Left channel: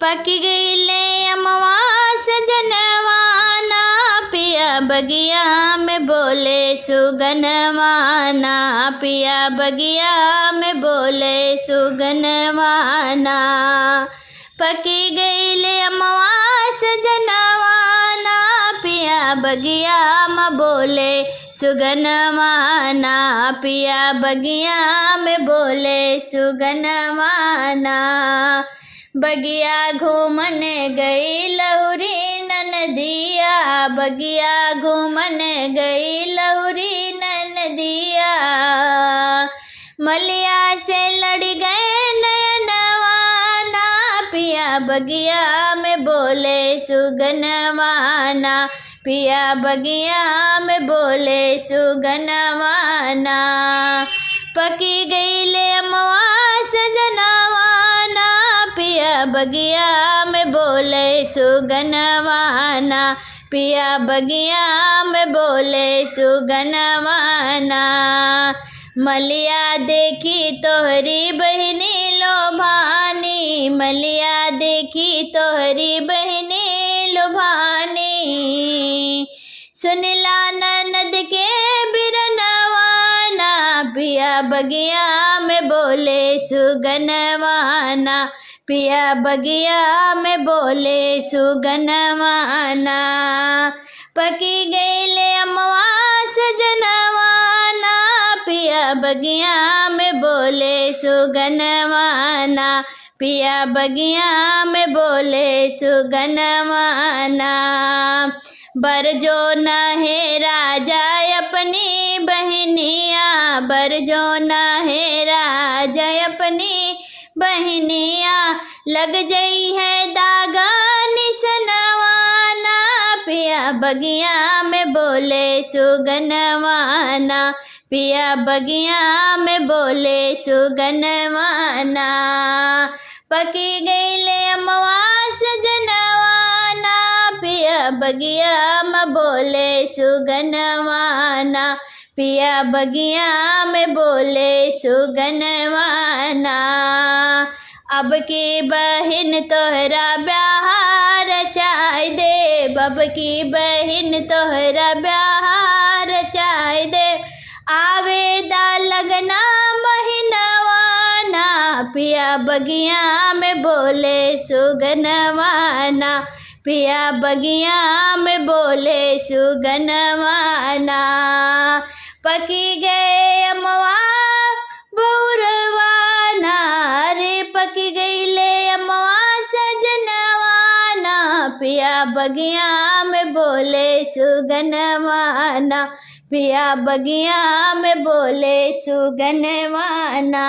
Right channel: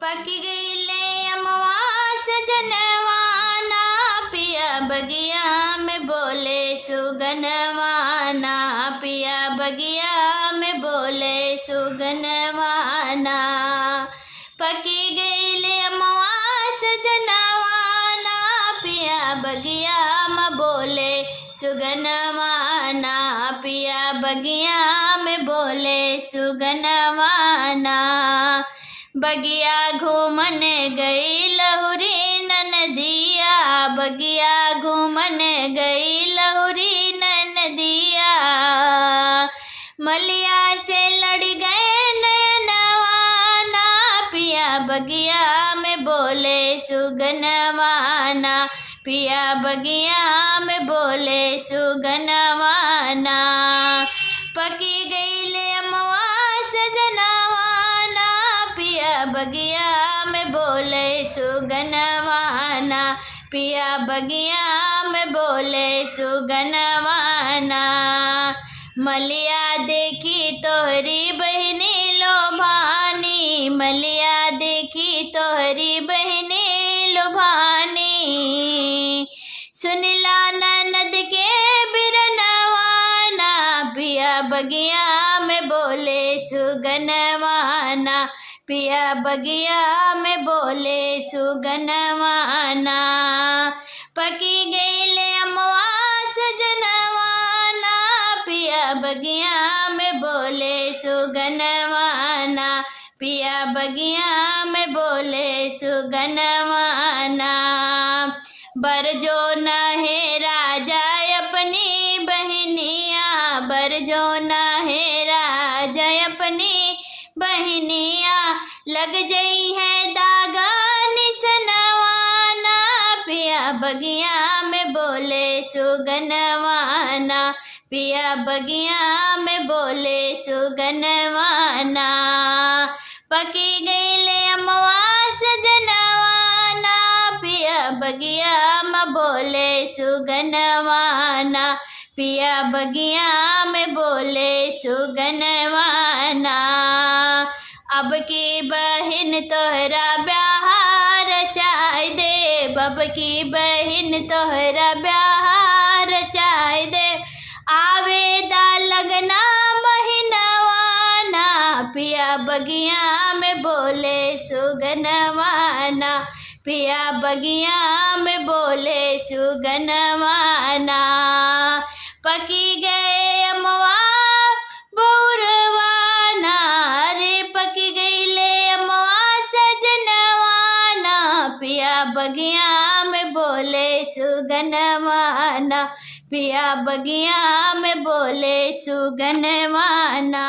पकी गईले अमवा सजनवाना, पिया बगिया में बोले सुगनवाना, पिया बगिया में बोले सुगनवाना। पकी गईले अमवा सजनवाना, पिया बगिया में बोले सुगनवाना, पिया बगिया में बोले सुगनवाना। बगिया घूमन गई लहुरी ननदिया, बगिया घूमन गई लहुरी ननदिया। मलिया से लड़ गए नयनवाना, पिया बगिया में बोले सुगनवाना, पिया बगिया में बोले सुगनवाना। पकी गईले अमवा सजनवाना, पिया बगिया में बोले सुगनवाना, पिया बगिया में बोले सुगनवाना। मलिया देखी तोहरी बहनी लोभानी, मलिया देखी तोहरी बहनी लोभानी। सुनिला ननद के बिरनवाना, पिया बगिया में बोले सुगनवाना, पिया बगिया में बोले सुगनवाना। पकी गईले अमवा सजनवाना, पिया बगिया में बोले सुगनवाना, पिया बगिया में बोले सुगनवाना। बरजो नहे राजा अपनी बहनिया, बरजो नहे राजा अपनी बहनिया। लग जई है दागा निसनवाना, पिया बगिया में बोले सुगनवाना, पिया बगिया में बोले सुगनवाना। पकी गईले अमवा सजनवाना, पिया बगिया में बोले सुगनवाना, पिया बगिया में बोले सुगनवाना। अब की बहिन तोहरा ब्याह रचाई दे, अब की बहिन तोहरा ब्याह रचाई दे। आवेदा लगना महीनवाना, पिया बगिया में बोले सुगनवाना, पिया बगिया में बोले सुगनवाना। पकी गए अमवा बउरवाना, रे पकी गईले अमवा सजनवाना, पिया बगिया में बोले सुगनवाना, पिया बगिया में बोले सुगनवाना।